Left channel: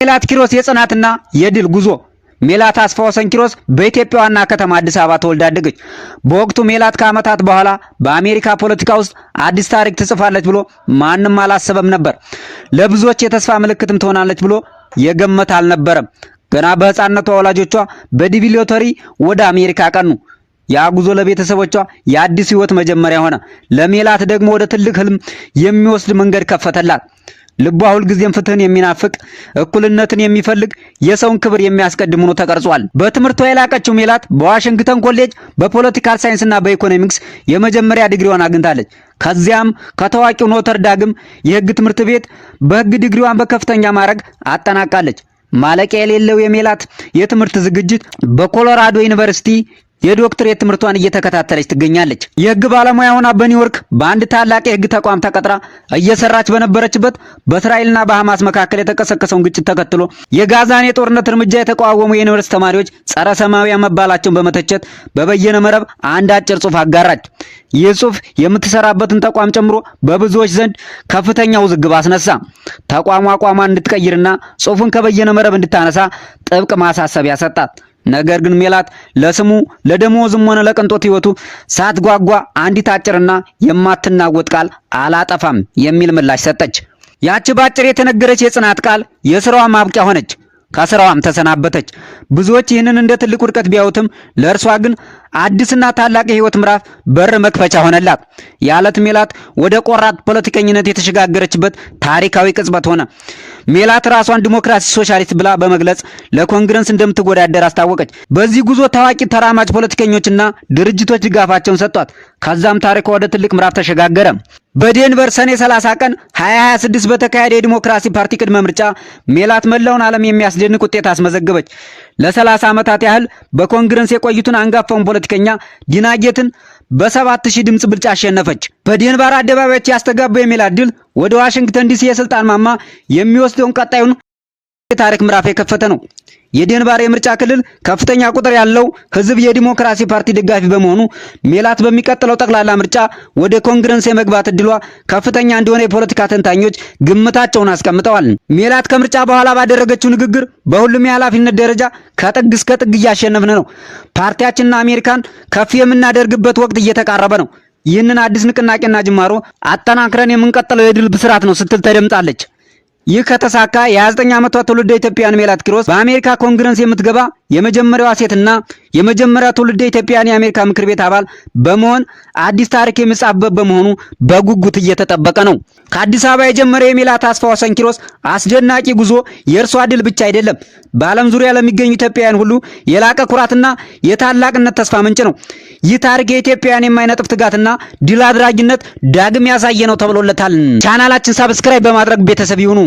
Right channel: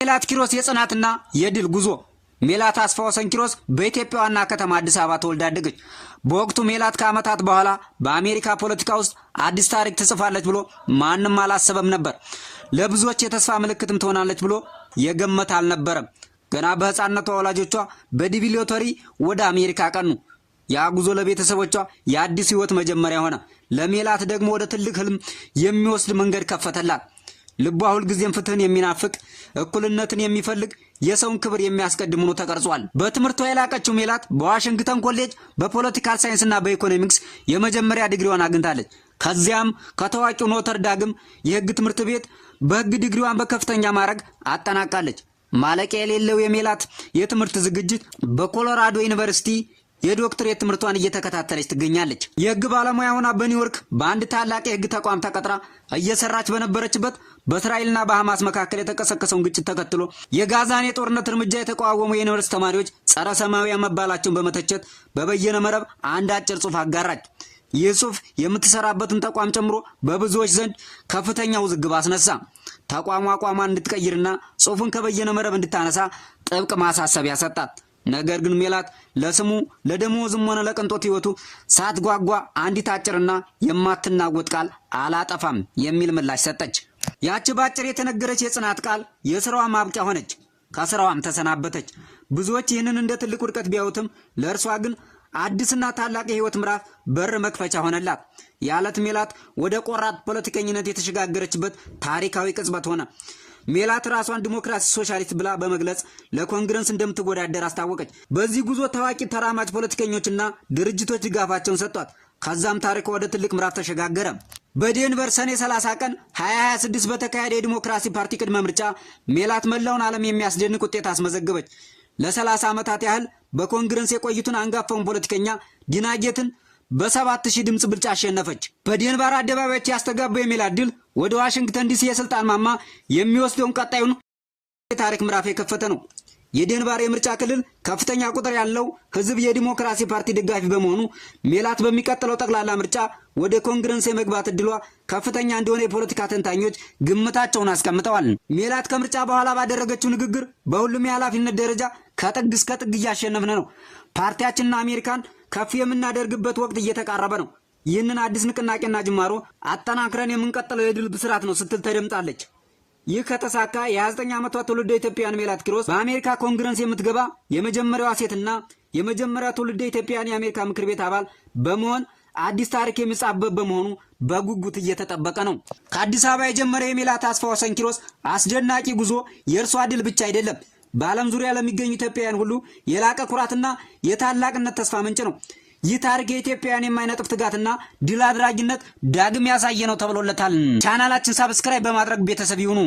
ሜላት ኪሮስ የጽናትና የድል ጉዞ። ሜላት አስፋው ወሰን ኪሮስ በኢትዮጵያ ዋና ከተማ አዲስ አበባ ተወልዳ አደገች። በወቅቱ ሜላት ከዓመታት በኋላ በአሜሪካ ፖለቲካ ውስጥ አዲስ ታሪክ ትጽፋለች ብሎ ማንም አላሰበም ነበር። ለብዙዎች የተስፋ ምልክትም ትሆናለች ብሎ የገመተ አልነበረም። ገና በህፃንነቷ ወላጆቿ በዲቪ ሎተሪ ወደ አሜሪካ አቀኑ። ያ ጉዞ ለቤተሰቦቿ የአዲስ ህይወት መጀመሪያ ሆነ። ለሜላት ደግሞ ወደ ትልቅ ህልም የሚወስድ መንገድ ከፈተላት። ልቧ ሁልጊዜም ፍትህን የሚናፍቅ እኩልነትን የሚፈልግ የሰውን ክብር የሚያስቀድም ሆኖ ተቀርጿል። በትምህርቷ የላቀችው ሜላት በዋሽንግተን ኮሌጅ በፖለቲካል ሳይንስና በኢኮኖሚክስ የመጀመሪያ ዲግሪዋን አግኝታለች። ከዚያም ከታዋቂው ኖተር ዳግም የህግ ትምህርት ቤት በህግ ዲግሪዋን በከፍተኛ ማዕረግ አጠናቃለች። ማለቂያ የሌለው የሜላት የትምህርት ዝግጅት በኮሎራዶ ዩኒቨርሲቲ የዶክትሬት ትምህርቷን እየተከታተለች ትገኛለች። የህግ ባለሙያ ሆና በኒውዮርክ በአንድ ታላቅ የህግ ተቋም ተቀጥራ እየሰራች በነበረችበት በእስራኤልና በሐማስ መካከል የተቀሰቀሰውን ግጭት ተከትሎ የጋዛን የጦርነት እርምጃ የተቃወሙ የዩኒቨርሲቲ ተማሪዎች ጸረ ሰማያዊ መባላቸውን በመተቸት በበየነ መረብ አንድ አጭር ጽሑፍ አጋራች። ይህ ጽሑፍ የምትሰራበትን ተቋም ጨምሮ በብዙዎች ዘንድ ከፍተኛ ውዝግብ አስነሳ። ተቋሙ አቋሟን እንድትቀይርና ጽሑፉን ከበየነ መረብ እንድታነሳ ጥብቅ ማሳሰቢያ ሰጣት። ነገር ግን ሜላት ለስሙ ለደሞዝም ሆነ ለቅንጦት ህይወቱ ሳትጓጓ አንዲት አጭርና የማትናወጥ ቃል አላጠፋም የሚል ምላሽ ሰጠች። ያቺ ባጭር የተነገረች የጽናት ቃል የሥራዋ ማብቂያ ሆነች። ከሥራዋም ተሰናበተች። ብዙዎች ይህንን እንደ ትልቅ ውድቀት ቢያዩትም ለእርሷ ግን አዲስና ታላቅ የህይወት ምዕራፍ በር መክፈቻ ሆነላት። የዓለት ሜላት ወደ ቆራጥ ፖለቲከኝነት የተሸጋገረችበት ታሪካዊ ቅጽበት ሆነ። ሜላት ራሷን ዲሞክራሲ ሶሻሊስት ብላ በመግለጽ ለኮንግረስ እንደምትወዳደር አስታወቀች። በዚህ ጉዞ ታዋቂ ተራማጅ ፖለቲከኞችና ድርጅቶች ድጋፋቸውን ሰጧት። ከዛም ታሪኳ ወደ ትልቅ ምዕራፍ ተሸጋገረ። በዴንቨር ሰኔ 30 ቀን 2026 በተካሄደ የዲሞክራሲ ፓርቲ ቅድመ ምርጫ ሜላት መላውን ዓለም የሚያስደንቅ ውጤት አስመዘገበች። ለ30 ዓመታት ያህል በኮንግረስ የቆዩትን አንጋፋውን ፖለቲከኛ ዲና ጌትን በ7000 ድምጽ ብልጫ አሸነፈች። በዴንቨር አደባባዮች ያስተጋባው የሜላት ድል ወደ ዋሽንግተን ዲሲ የስልጣን ማማ የሚወስደውን ቀጣዩን የታሪክ ምዕራፍ የከፈተ ነው። የዴንቨር የምርጫ ክልል ከፍተኛ ቁጥር ያለው ህዝብ የዲሞክራሲ ፓርቲ ደጋፊ በመሆኑ ሜላት በሚቀጥለው ጠቅላላ ምርጫ ወደ ኮንግረስ የመግባት እድሏ ከፍተኛ እንደሆነ የፖለቲካ ተንታኞች ግምታቸውን አስቀምጠዋል። ሜላት ከምርጫ በኋላ ባደረገችው ንግግር በሁሉም የኃላፊነት ደረጃ ከጥግ እስከ ጥግ እያሸነፍን ነው፣ ፓርቲያችንና አሜሪካን ከፍ የምናደርግበት ወቅት እየተቃረበ ነው፣ ይህንን አዲስ ንቅናቄና ጅማሮ አጠናክረን የምንቀጥለው የድል ብስራት ነው ስትል ተደምጣለች። ይህ ከተሳካ የ29 ዓመቷ ትውልደ ኢትዮጵያን ሜላት ኪሮስ በአሜሪካ ኮንግረስ የምትገባ የመጀመሪያዋ ሴትና የመጀመሪያ ትውልደ ኢትዮጵያን የአሜሪካ ምክር ቤት አባል በመሆን አዲስ ታሪክ የሚጻፍበት በመሆኑ በጉጉት እየተጠበቀ ነው። ከአዲስ አበባ የጀመረው የሜላት አስፋው ወሰን ኪሮስ አስደናቂ ጉዞ የእርሷ ድል ብቻ አይደለም፣ በዓለም ዙሪያ ለሚገኙ ኢትዮጵያውያን ሁሉ የላቀ ኩራትና የታላቅነት ተስፋ ምንጭ ነው። ይህ ታሪክ የኢትዮጵያውያን የማይነጥፍ ትጋትና ድል አድራጊነት ዳግም ያሳየ ነው ተብሎለታል። ቻናላችን ሰብስክራይብ በማድረግ ቤተሰብ ይሁኑ።